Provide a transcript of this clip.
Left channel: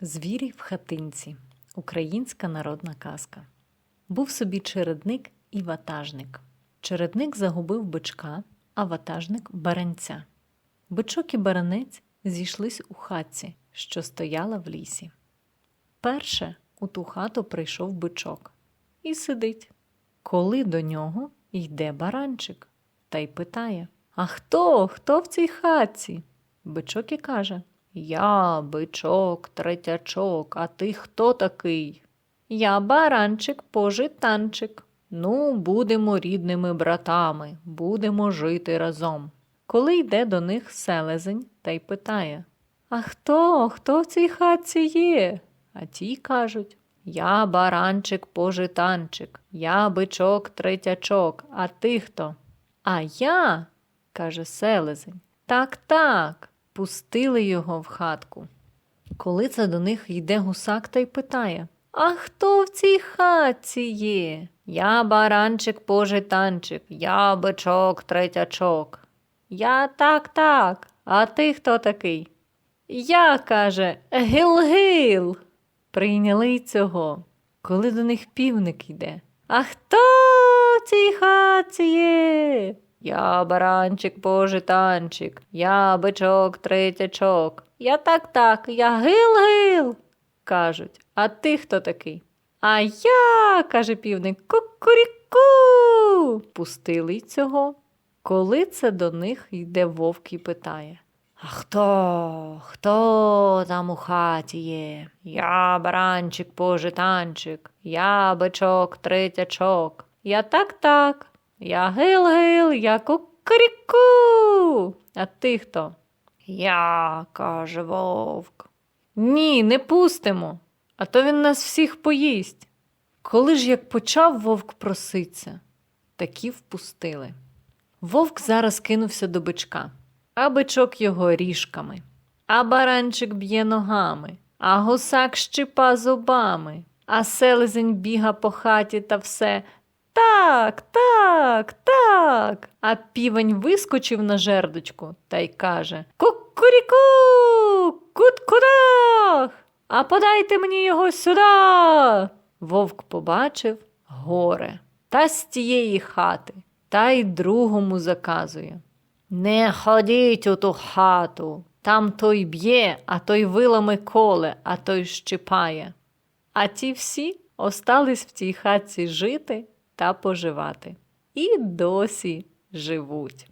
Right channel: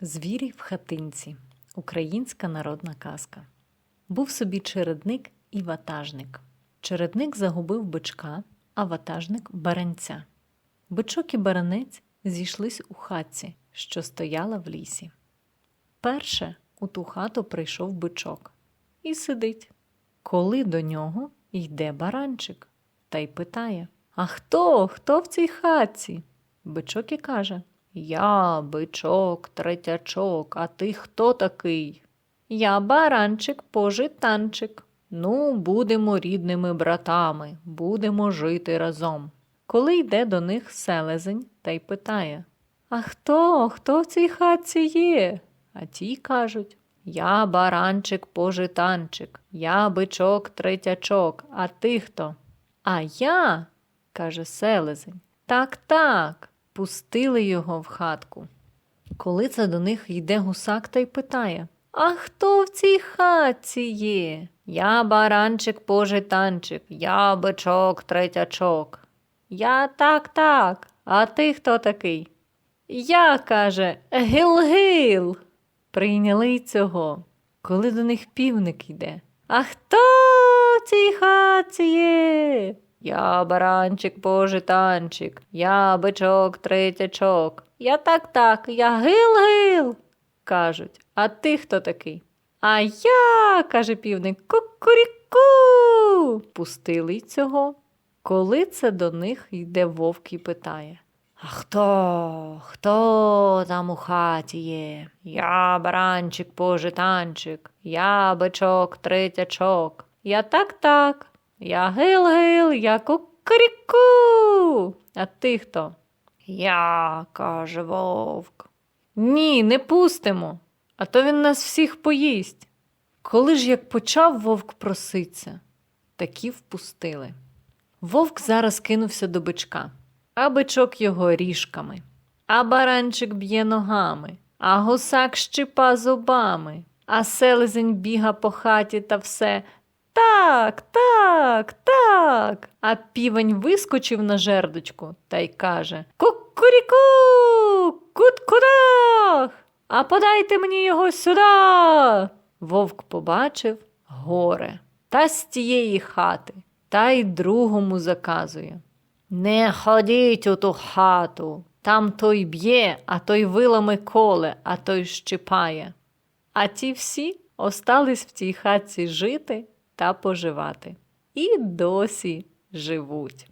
Звірі в хатинці. Українська народна казка. Був собі чередник і ватажник. Чередник загубив бичка, а ватажник баранця. Бичок і баранець зійшлись у хатці, що стояла в лісі. Перше у ту хату прийшов бичок і сидить. Коли до нього йде баранчик та й питає: А хто? Хто в цій хатці? Бичок і каже: Я, бичок, третячок, а ти хто такий? Я баранчик, пожитанчик. Ну, будемо рідними братами, будемо жити разом. Коли йде до них селезень та й питає: А хто? Хто в цій хатці є? А ті кажуть: Я баранчик, пожитанчик, я бичок, третячок, а ти хто? А я, каже селезень, так, так, пустили його в хатку. Коли це до них йде гусак та й питає: А хто в цій хатці є? Я баранчик, пожитанчик, я бичок, третячок. Я так, так, а ти хто такий? Я, каже, гил-гил. Прийняли й цього, коли до них півник йде. А хто в цій хатці є? Я баранчик, пожитанчик, я бичок, третячок. Я так, так, я гил-гил. кажуть. А ти хто такий? А я, каже півник, кукуріку. Пустили й цього. Коли це до них йде вовк і питає. А хто? Хто там у хаті є? Я баранчик, пожитанчик, я бичок, третячок. Я так так. Я гил-гил, я кукаріку. А ти хто? Я, каже вовк. Ні, не пустимо, а то він нас всіх поїсть. Коли ж як почав вовк проситься, такі впустили. Вовк зараз кинувся до бичка, а бичок його ріжками, а баранчик б'є ногами, а гусак щипа зубами, а селезень біга по хаті та все. Так, так, так. А півень вискочив на жердочку та й каже Кукуріку, кут-кудах, а подайте мені його сюди. Вовк побачив горе та з тієї хати, та й другому заказує. Не ходіть у ту хату, там той б'є, а той вилами коле, а той щипає. А ті всі остались в тій хатці жити та поживати. І досі живуть.